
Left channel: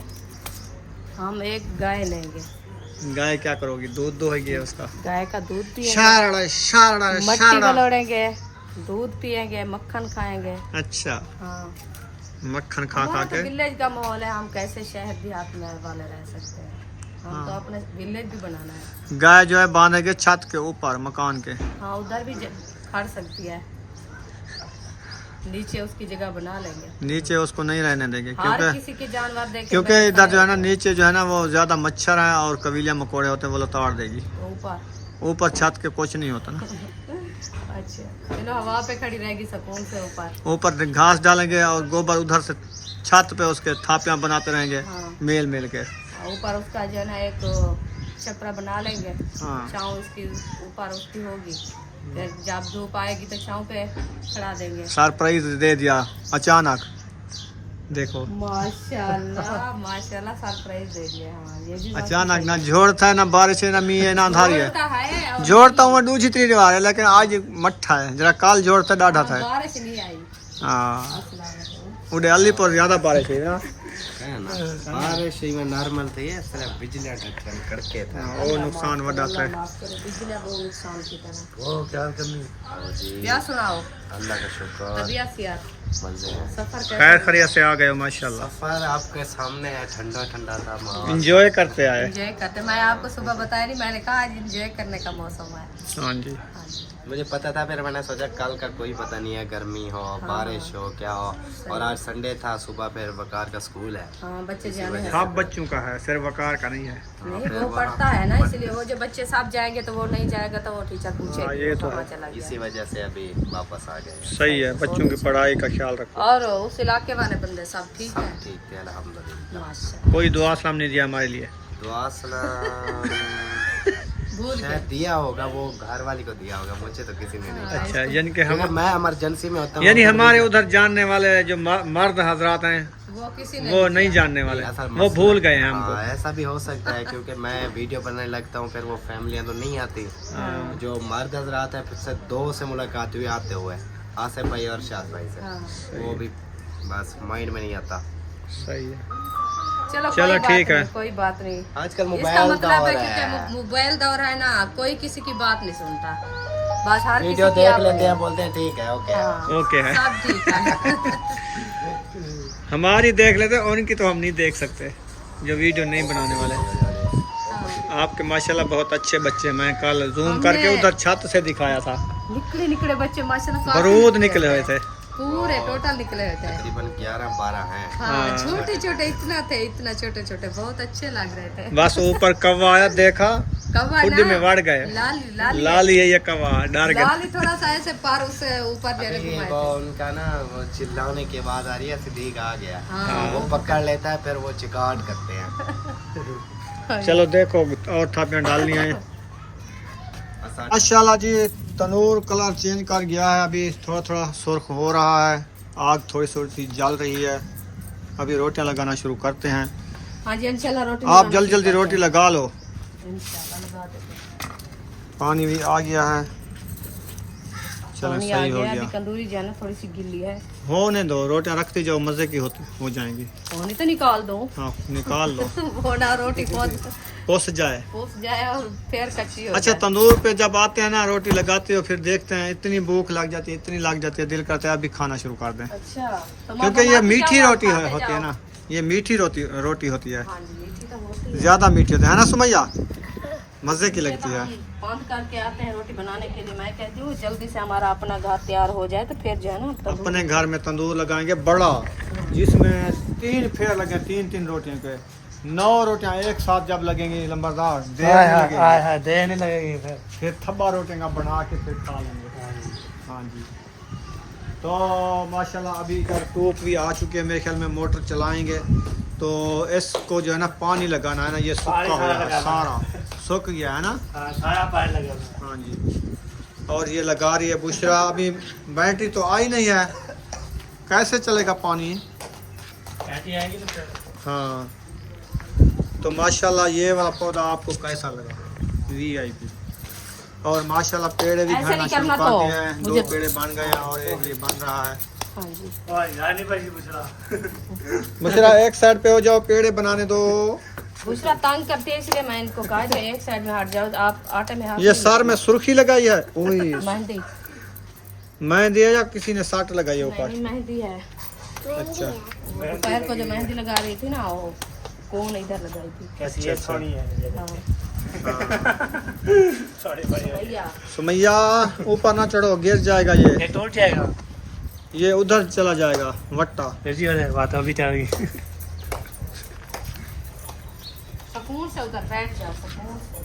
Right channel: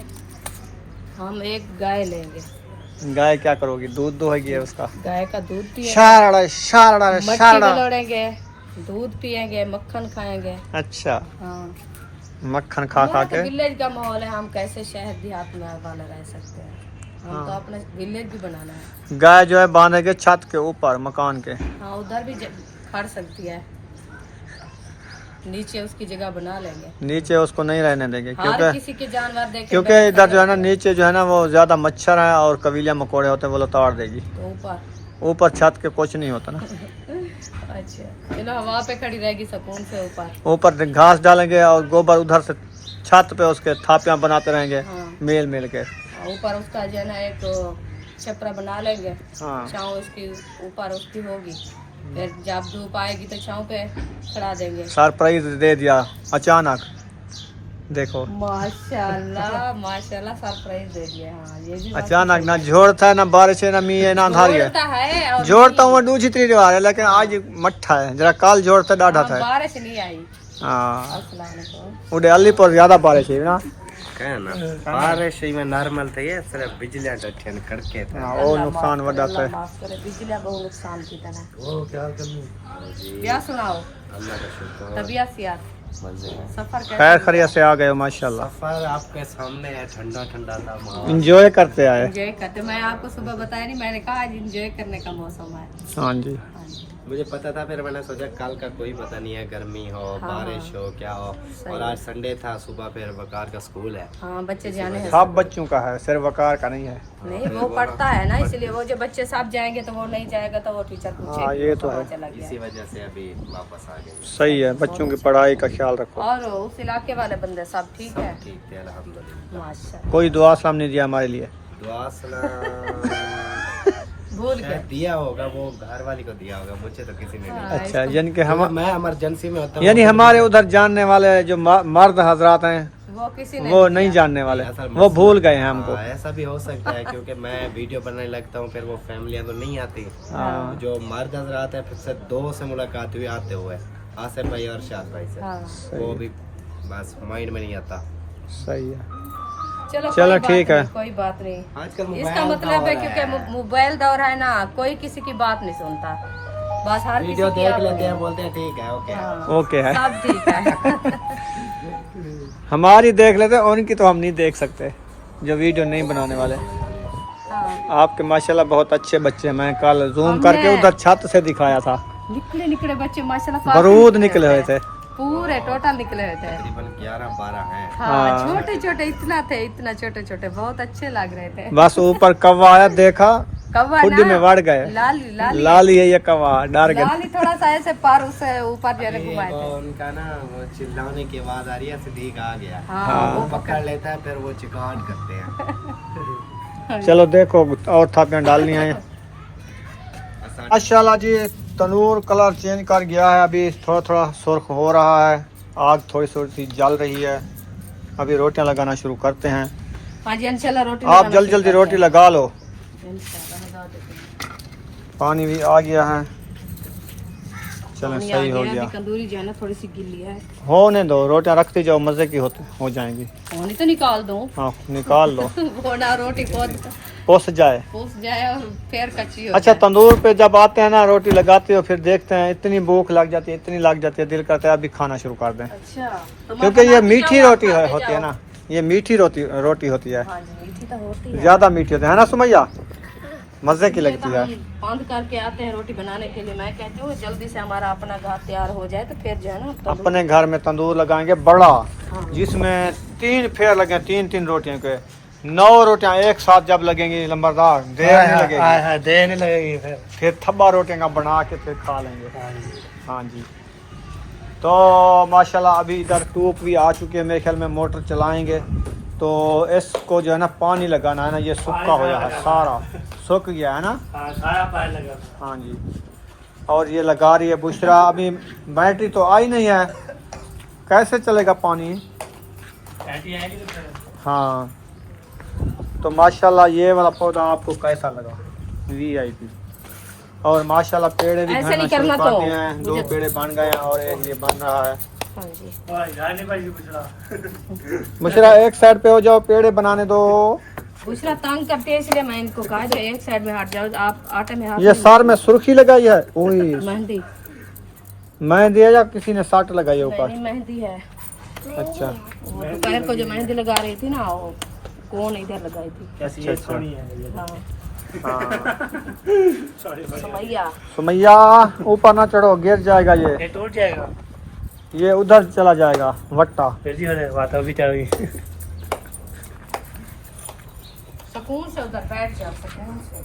हम एक गाय लेंगे। गाय क्या करोगी? दूध दुहेगी उसका। गाय का दूध पिएंगे, शारड़ा शारड़ा मट्टी शारड़ा। बलोड़ेंगे, दूध पिएंगे, मक्खन खाएंगे। अच्छा हाँ मक्खन खा खा के। विलेज का माहौल है, हम कैसे शहर देहात में वाले रह सकते हैं। हम हाँ। तो अपना विलेज भी बनाना है। गाय जो है बांधेंगे छत के ऊपर मकान के। हाँ उधर भी खड़ सकती है, नीचे उसकी जगह बना लेंगे। नीचे उसको नहीं रहने देंगे हर क्योंकि किसी के जानवर देख के क्योंकि इधर जो है ना नीचे जो है ना वो ज्यादा मच्छर है और कबीले मकोड़े होते हैं, वो लताड़ देगी। तो ऊपर छत के कुछ नहीं होता ना। अच्छा चलो हवा पे खड़ी रहेगी सुकून से। ऊपर घास डालेंगे और गोबर उधर से छत पे उसके थापियां बनाते रहेंगे। हाँ। मेल मेल के। ऊपर उसका जो है ना एक छपरा बना लेंगे। हाँ। छाँव उसकी ऊपर उसकी होगी, फिर जब धूप आएगी तो छाँव पे खड़ा देंगे। सरप्राइज दे दिया अचानक, देखो माशाल्लाह माशाल्लाह सरप्राइज दे दिया। हाँ ये भी बात अचानक सही ना जोड़ता है ना बारिश है ना मी है ना अंधारी है। जोड़ता है और जोड़ता हूँ दूसरी रिवाज है, लेकिन आज मट्ठा है जरा, काल जोड़ता डाढ़ा था। बारिश नहीं आई। हाँ अस्सलाम वालेकुम। उड़े अली पर ज्यादा बारिश है ना। है ना बारिश में नॉर्मल थे ये सिर्फ बिजली डटन कड़के थे हाँ, वो नुकसान वड़ा था। बिजली बहुत नुकसान की तरह। वो क्या करनी जी क्या सुनाओ अल्लाह का शुक्र तबीयत से यार मजे हैं सफर खैर खैरियत से आ गए हो माशाल्लाह। सफर आपके सामने है ठंडा ठंडा था माहौल एंजॉय करते आए। एंजॉय करते। मैं आपको सुबह बताया नहीं, मैंने कहा आज एंजॉय करने का मौसम है। हाँ जी, हाँ जी। मुझे पता था फिर मैंने सोचा कल का कोई पता नहीं है गर्मी हो बारिश हो क्या हो और आज संडे था सुबह फिर वकार का स्कूल है हाँ बच्चे जाने हैं। सब बच्चों का है, सिर्फ वकार का नहीं है। नहीं वो पढ़ता है ना, इसलिए वो जो बच्चे सब जाएंगे तो वो नहीं जाएगा तो वो टीचर हाँ, पूछेगी ये वो तो कहाँ है। चला गया। इसी वजह से अभी वापस आ गए सही है, बच्चों की पढ़ाई का ख्याल रखो। और उस इलाके वाले बंदे सब ठीक है? ठीक थे अल्हम्दुलिल्लाह। माशाल्लाह। कोई दुआ सलाम नहीं दिया हमारे लिए। दुआ सलाम भूल शायद गए। दिया होगा वो घर वाली को दिया होगा मुझे तो किसी ने नहीं दिया। अच्छा, यानी कि हम मैं इमरजेंसी में होता हूँ यानी हमारे उधर जानने वाले जो मर्द हजरात हैं वो किसी ने वो नहीं जानने वाले, ऐसा वो भूल गए हैं हमको। हाँ, ऐसा भी हो सकता है क्योंकि मैं वीडियो बनाने लगता हूँ फिर वो फैमिलियाँ तो नहीं आती हाँ, जो मर्द हजरात है फिर से 2 से मुलाकात हुई आते हुए आसिफ भाई और शाद भाई से हाँ। वो भी बस माइंड में नहीं आता। सही है। चलो चलो, कोई ठीक बात है। नहीं, कोई बात नहीं। आजकल इसका मोबाइल मतलब है दौर क्योंकि मोबाइल दौर है ना, कोई किसी की बात नहीं सुनता, बस हर वीडियो किसी की देख अपनी। लेते हैं बोलते हैं ठीक है ओके हाँ, ओके है, सब ठीक है। हमारी देख लेते हैं, उनकी तो हम नहीं देख सकते जो वीडियो नहीं बनाने वाले। आपके माशाल्लाह बहुत अच्छे बच्चे हैं, मैं कल जूम करके उधर छत से दिखाया था, निकले निकले बच्चे माशाल्लाह काफी बरूद निकले निकले हुए थे। पूरे टोटल निकले हुए थे। तकरीबन 11-12 हैं। हाँ, छोटे छोटे इतना थे, इतना छोटे छोटे बहुत अच्छे लग रहे थे। बस ऊपर कौवा आया, देखा कौवा खुद ना, में बढ़ गए। लाली लाली लाली है ये कौवा, डर गए। लाली थोड़ा सा ऐसे पार उससे ऊपर जाने अभी घुमाए वो थे। उनका ना वो चिल्लाने की आवाज आ रही है सिद्दीक आ गया हाँ, वो पकड़ लेता है फिर वो चिकाट करते हैं। चलो देखो और थापियां डालनी है। माशाल्लाह जी, तनूर कलर चेंज कर गया है, अभी थोड़ा थोड़ा सुर्ख हो रहा है, आग थोड़ी थोड़ी जल रही है। अभी रोटियां लगाना शुरू करते हैं। हाँ जी इंशाल्लाह रोटी आप लगाना जल्दी जल्दी शुरू रोटी करते लगा लो। हैं। इंशाल्लाह लगा देते हैं। पानी भी आ गया है, चलो पानी आ सही हो गया, गया। अभी तंदूरी जो है ना थोड़ी सी गिल्ली है, होने दो, रोटियां रखते जाओ, मजे की हो जाएंगी। पानी तो निकाल दो। हाँ निकाल लो, वो ना रोटी खुद पोस जाए। फूस जाए और फिर कच्ची हो अच्छा, जाए। तंदूर पे जब आते हैं ना, रोटी लगाते हो, फिर देखते हैं इतनी भूख लग जाती है, इतनी लग जाती है, दिल करता है अभी खाना शुरू कर दें, अच्छा तो क्योंकि ये मटन मीठी आप रोटी खाते होती है जाओ। ना, ये मीठी रोटी होती है, हाँ जी मीठी तो होती है। ज्यादा मीठी होती है ना सुमैया, मजे की लगती है। बंद करके आते हैं रोटी बनाने के लिए, मैं कहती हूँ जल्दी से हमारा अपना घर तैयार हो जाए तो फिर जो है ना तंदूर- अपने घर में तंदूर लगाएंगे बड़ा, जिसमें 3 फेर लगे, 3-3 रोटियों के, 9 रोटियां एक साथ जब लगेंगी लंबरदार, देर नहीं लगेगी, देर नहीं लगेगी फिर थब्बा रोटियां का बना के फिर खा लेंगे। हाँ जी, तो माशाल्लाह अभी इधर धूप भी आ चुकी है, मेरे ख्याल में मोटर चलाएंगे तो इसको जो है ना पानी लगाना है ना, ये सूखा हो है, सारा सूख गया है ना। सारा पानी लगा। हाँ जी, और ये लगा रही है बुशरा, अभी बैटरी तो आई नहीं है, कैसे चलेगा पानी। कैंटी आएगी तो फिर हाँ, तो माशाल्लाह ये वाला पौधा आपको कैसा लगा, VIP। और माशाल्लाह पेड़े भी ऐसे घरना नहीं शुरू करना कर तो दिए हैं, 2 पेड़े बन गए हैं और एक ये बन रहा है। हाँ जी जाने पर पूछना बुशरा एक साइड पे हो जाओ, पेड़े बनाने दो। दूसरा तंग करते हैं इसलिए मैं इनको कहा जो एक साइड में हट जाओ, आप आटे में हाथ ये सर में सुर्खी लगाई है, ओए मेहंदी मैं दिया या किसी ने साट लगाई है ऊपर। नहीं मेहंदी है। अच्छा दोपहर को जो मेहंदी लगा रही थी ना, वो कौन इधर लगाई थी। कैसी है सोनी है हाँ हाँ, भैया सुमैया ऊपर ना चढ़ो, गिर जाएगा ये ये टूट जाएगा ये उधर चला जाएगा वट्टा। फिर जी बात अभी चल गई सुकून से उधर बैठ जाओ, सुकून से।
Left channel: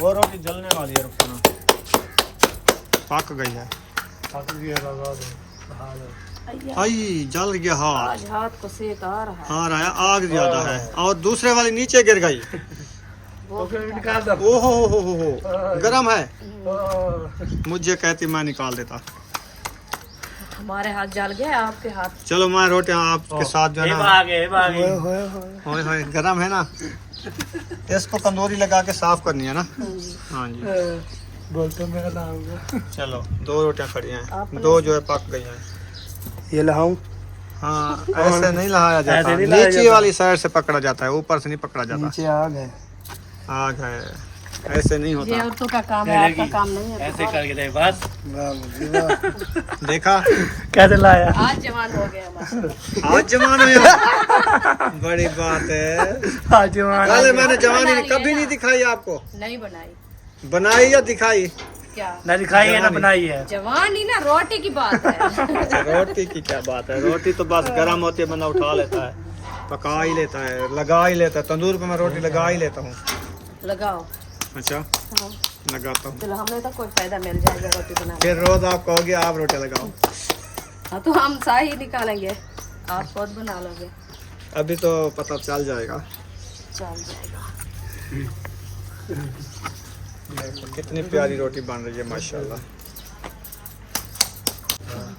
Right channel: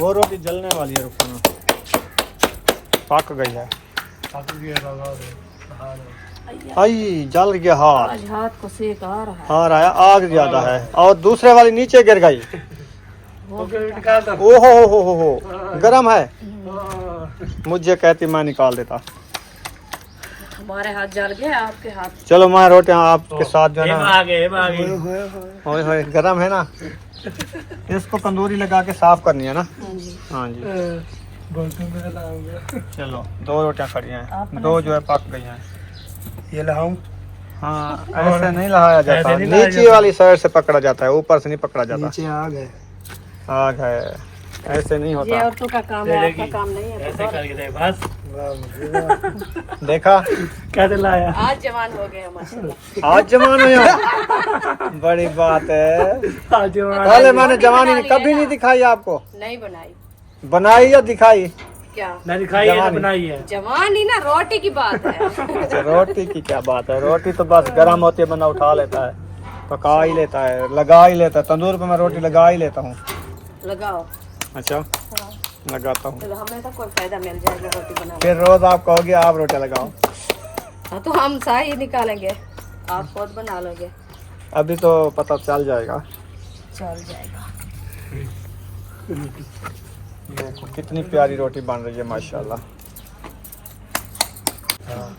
वो रोटी जलने वाली है, रुको पक गई है। बाकी भी लगा दो हां आई जल गया हाथ, आज हाथ को सेक आ रहा है। आ रहा है, आग ज्यादा है, और दूसरे वाली नीचे गिर गई। वो निकाल दो ओहो हो गरम है, मुझे कहती मैं निकाल देता। हमारे हाथ जल गए, आपके हाथ। चलो मैं रोटियां आपके साथ जो है ना, आगे होए होए गरम है ना, इसको तंदूरी लगा के साफ करनी है ना। हाँ जी, चलो 2 रोटियां खड़ी हैं, आपने 2 जो है पक गई हैं। ये लाऊं? हाँ ऐसे नहीं लगाया जाता, ऐसे नहीं लगाया नीचे जाता। वाली साइड से पकड़ा जाता है, ऊपर से नहीं पकड़ा जाता। नीचे आग है। आग है, ऐसे नहीं ये होता। औरतों का काम है, आपका काम नहीं है। ऐसे करके दे बस। वाह मुझे वाह। देखा कैसे लाया? आज जवान हो गया माशाल्लाह। आज जवान हो या बड़ी बात है। आज पहले मैंने जवानी कभी नहीं दिखाई आपको, नहीं बनाई बनाई या दिखाई? क्या ना दिखाई है ना जवानी। बनाई है। जवान ही ना, रोटी की बात है। रोटी की क्या बात है, रोटी तो बस गर्म होती है, बंदा उठा लेता है, पका ही लेता है, लगा ही लेता है। तंदूर पे मैं रोटी लगा ही लेता हूँ। लगाओ। अच्छा हाँ। लगाता हूँ, चलो हमें तो कोई फायदा मिल जाएगा रोटी बनाने। फिर रोज आप कहोगे आप रोटी लगाओ। हाँ तो हम शाही निकालेंगे, आप खुद बना लोगे। अभी तो पता चल जाएगा। चल जाएगा। देखो कितनी प्यारी रोटी बन रही है माशाल्लाह। हाँ।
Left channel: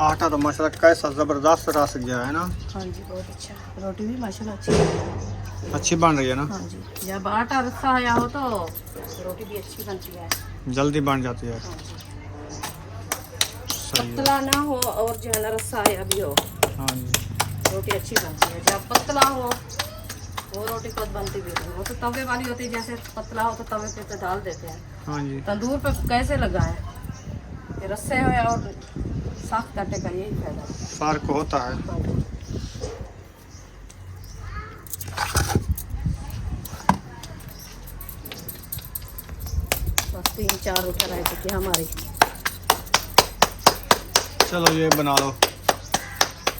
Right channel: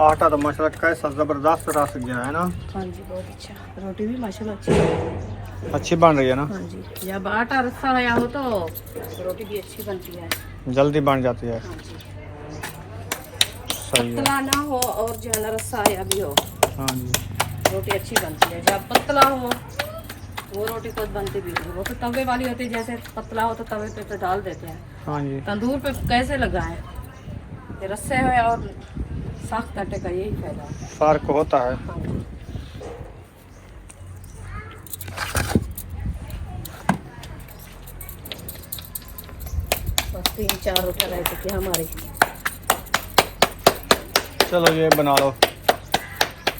आटा तो माशाल्लाह कैसा जबरदस्त रस गया है ना, हाँ जी बहुत अच्छा, रोटी भी माशाल्लाह अच्छी है। अच्छी बन रही है ना, हाँ जी, जब आटा रस्सा आया हो तो रोटी भी अच्छी बनती है। जल्दी बन जाती है। हाँ जी, सही है। पतला ना हो और जो है ना रस्सा आया भी हो, हाँ जी। रोटी अच्छी बनती है। जब पतला हो वो रोटी खुद बनती भी नहीं, वो तो तवे वाली होती है, जैसे पतला हो तो तवे पे डाल देते हैं। हाँ जी। तंदूर पे कैसे लगाएं, ये रस्से है और सख्त आटे का यही फायदा है। फर्क होता है। हाँ जी। बस 3-4 रोटियां रह चुकी है हमारी। चलो ये बना लो,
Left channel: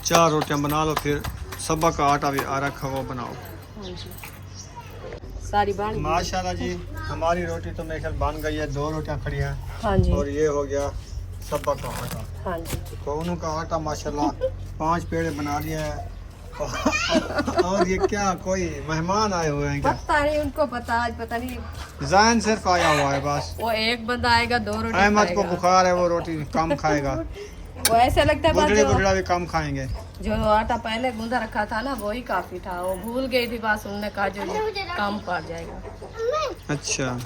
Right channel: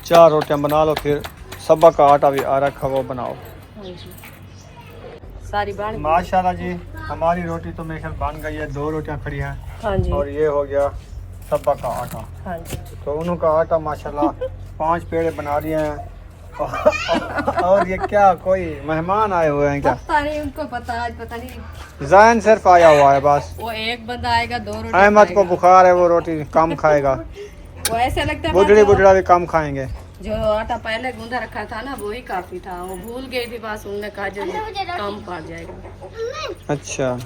4 रोटियां बना लो, फिर सबा का आटा भी आ रखा वो बनाओ। हाँ जी, सारी बन गई। माशाल्लाह जी हमारी रोटी तो मेरे ख्याल बन गई है, 2 रोटियां खड़ी हैं हाँ जी। और ये हो गया सबा का आटा। हाँ जी। तो उनका आटा माशाल्लाह 5 पेड़े बना दिए हैं। और ये क्या कोई मेहमान आए हुए हैं क्या? पता नहीं उनको, पता आज पता नहीं, जैन सिर्फ आया हुआ है बस। वो एक बंदा आएगा 2 रोटी अहमद को खाएगा। बुखार है, वो रोटी कम खाएगा। वो ऐसे लगता था बुढ़ड़ी जो, बुढ़ड़ा भी कम खाएंगे। जो आटा पहले गूंदा रखा था ना वही काफी था, वो भूल गई थी, बस उन्होंने कहा जो ये कम पड़ जाएगा। अच्छा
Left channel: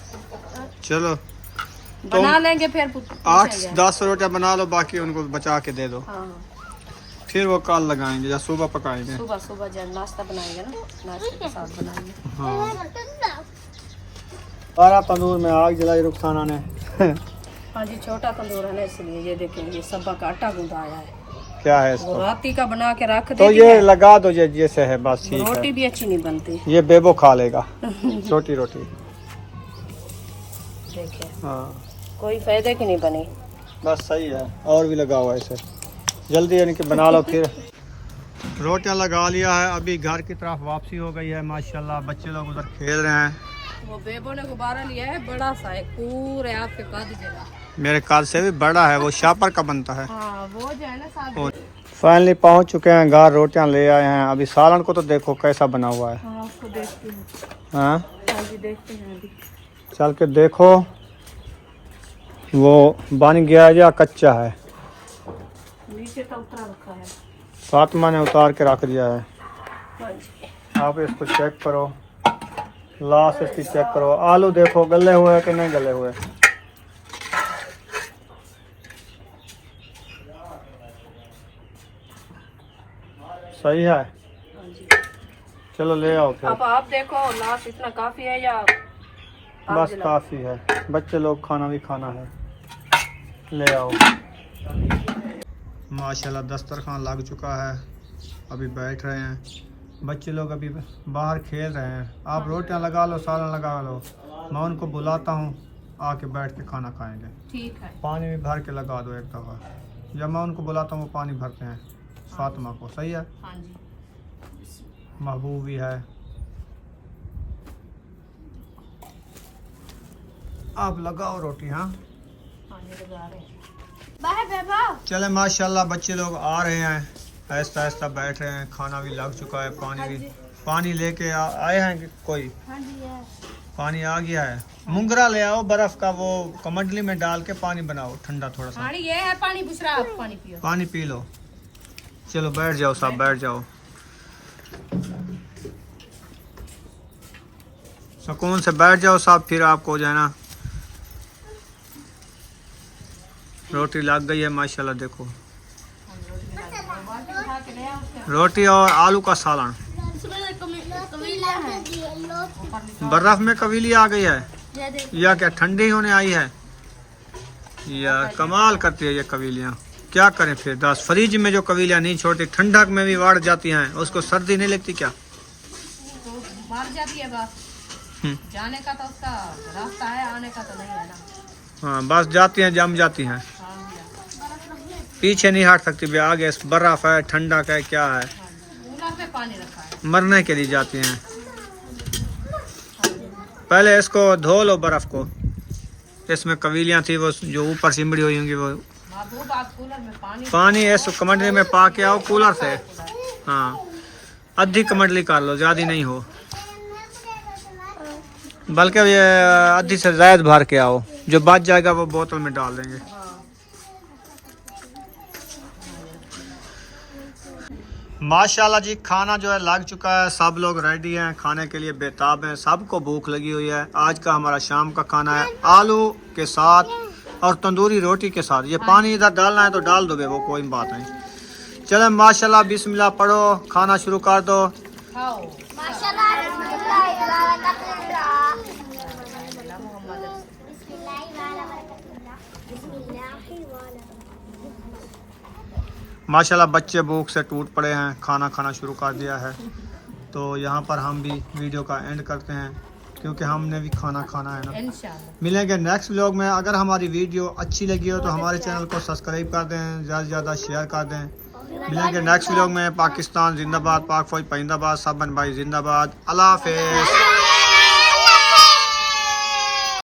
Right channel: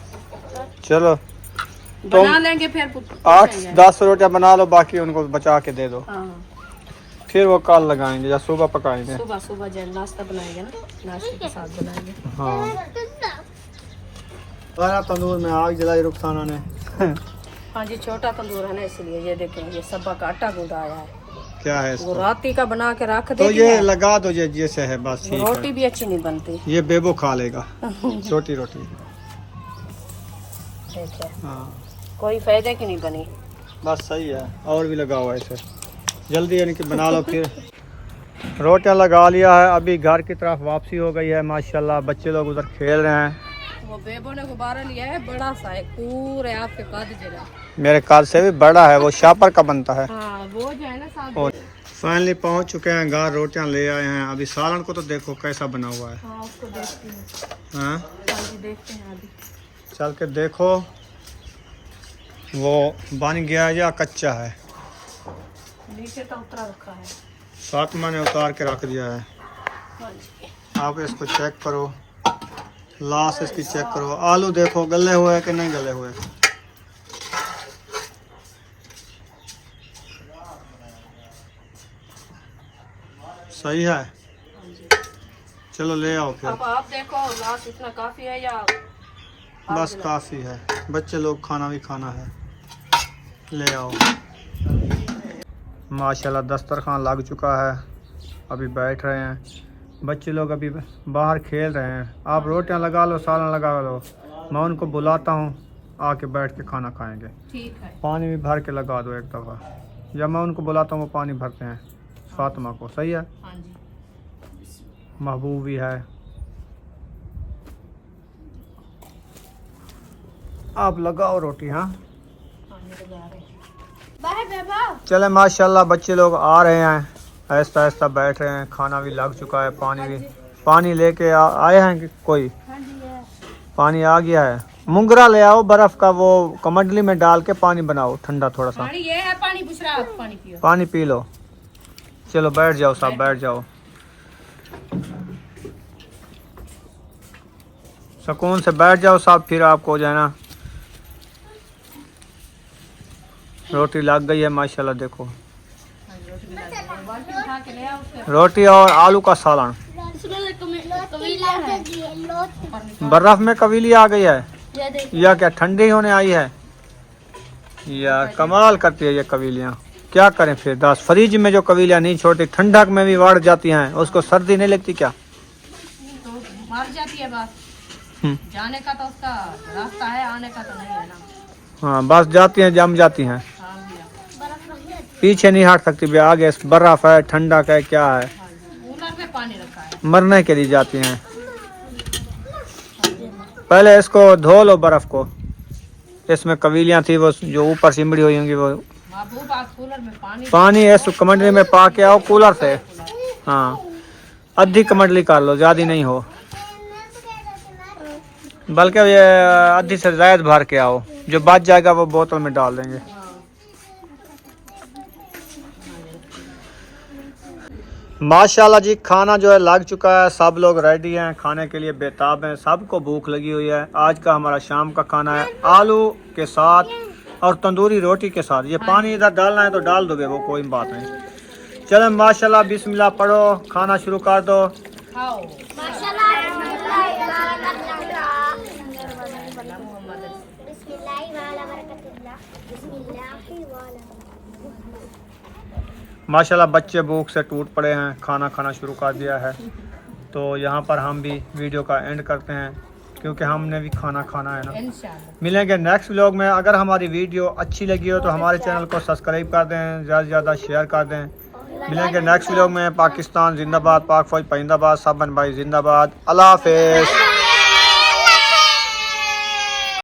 चलो बना लेंगे फिर 8-10 रोटियां बना लो, बाकी उनको बचा के दे दो, हाँ, फिर वो कल लगाएंगे या सुबह पकाएंगे। सुबह सुबह जब नाश्ता बनाएंगे ना, नाश्ते के साथ बनाएंगे। हाँ और तंदूर में आग जलाई रुखसाना ने। हाँ जी, छोटा तंदूर है ना इसलिए। ये देखें, ये सबा का आटा गूंदा आया है, क्या है वो इसको? राती का बना के रख तो दे ये लगा दो, ये जैसे है बस ठीक रोटी है। भी अच्छी नहीं बनती। ये बेबो खा लेगा छोटी रोटी। ठीक है, हाँ कोई फायदे की नहीं बनी। बस सही है, और भी लगा हुआ है इसे, जल्दी यानी कि बना लो। फिर रोटियां लगा लिया है, अभी घर की तरफ वापसी हो गई है माशाल्लाह। बच्चे लोग उधर खेल रहे हैं। वो बेबो ने गुब्बारा लिया है बड़ा सा है, पूरे आपके कद जगह। मेरे कार से भी बड़ा है, वो शापर का बनता है। हाँ वो जो है ना साथ। और फाइनली पहुंच चुके हैं घर, रोटियां ले आए हैं। अभी सालन को तो देखो कैसा बना हुआ है। हाँ उसको देखती हूँ। हाँ हाँ जी देखते हैं अभी। चल के देखो वो बन गया है या कच्चा है। नीचे तो उतरा रखा है। फातिमा ने उतार के रख दिया है। हाँ जी, आप इसको चेक करो, लास्ट इसकी चेक करो। आलू देखो गले हुए हैं कि नहीं गले हुए। सही है, हाँ जी। चलो ले आओ फिर। अब आप देखो लास्ट इतना काफी है या बस काफ़ी है, बच्चे लोग खाना भी खाना है। ले आओ। माशाल्लाह दस्तरखान लग चुका है, अभी बैठ रहे हैं बच्चे लोग, अभी बाहर खेल रहे हैं। आप रोटियां लगा लो, सालन लगा लो, मैं उनको बुलाता हूँ, आके बैठ के खाना खाएंगे। ठीक है। पानी भी भर के लगा दो एक दफ़ा, जब मैं उनको बुलाता हूँ वो पानी भरते हैं फातिमा को। सही है, हाँ जी। महबूब भी है। आप लगाओ रोटी। हाँ हाँ जी लगा रहे हैं। बाय बेबा। चले माशाल्लाह बच्चे लोग आ रहे हैं, आहिस्ता आहिस्ता बैठ रहे हैं, खाना भी लग चुका है, पानी भी, पानी लेके आए हैं कि कोई हाँ जी है। पानी आ गया है। मुंगरा ले आओ बर्फ का, वो कमंडली में डाल के पानी बनाओ ठंडा थोड़ा सा। पानी ये है, पानी पूछ रहा, आप पानी पियो। पानी पी लो। चलो बैठ जाओ साहब, बैठ जाओ, सुकून से बैठ जाओ साहब। फिर आपको जो है ना रोटी लग गई है माशाल्लाह। देखो रोटी और आलू का सालन, बर्फ में कवीली आ गई है या क्या ठंडी होने आई है या कमाल करती है ये कवीलियाँ। क्या करें फिर दास, फ्रिज में जो कवीलियाँ नहीं छोड़ती ठंडक में भी बढ़ जाती हैं, उसको सर्दी नहीं लगती क्या? तो मर जाती है बस, जाने का तो उसका रास्ता है, आने का तो नहीं है ना। हाँ बस जाती हैं, जम जाती हैं, हाँ भैया, पीछे नहीं हट सकती भैया। आगे बर्फ है, ठंडक है, क्या है, कूलर में पानी रखा है। मरने के लिए जाती हैं। पहले इसको धो लो बर्फ को, इसमें कवीलियाँ थी वो जो ऊपर सिमड़ी हुई होंगी, वो महबूब आप कूलर में पानी इस कमंडली में पा के आओ कूलर से। हाँ आधी कमंडली कर लो, ज़्यादा नहीं हो, बल्कि ये आधी से ज़्यादा भर के आओ, जो बच जाएगा वो बोतल में डाल देंगे। माशाल्लाह जी, खाना जो है लग चुका है, सब लोग रेडी हैं, खाने के लिए बेताब हैं, सबको भूख लगी हुई है। आज का हमारा शाम का खाना है आलू के साथ और तंदूरी रोटी के साथ। ये पानी इधर डालना है तो डाल दोगे, वो कोई बात नहीं। चलो माशाल्लाह, बिस्मिल्लाह पढ़ो, खाना शुरू कर दो। खाओ। माशाल्लाह बच्चे भूख से टूट पड़े हैं, खाना खाना शुरू कर दिया है। तो यहाँ पर हम भी वीडियो का एंड करते हैं, क्योंकि हमने भी खाना खाना है ना। इंशाल्लाह मिलेंगे नेक्स्ट व्लॉग में। अगर हमारी वीडियो अच्छी लगी हो तो हमारे चैनल को सब्सक्राइब कर दें, ज़्यादा से ज़्यादा शेयर कर दें। मिलेंगे नेक्स्ट व्लॉग में। पाकिस्तान जिंदाबाद, पाक फौज पाइंदाबाद, सब भाई जिंदाबाद। अल्लाह हाफिज़।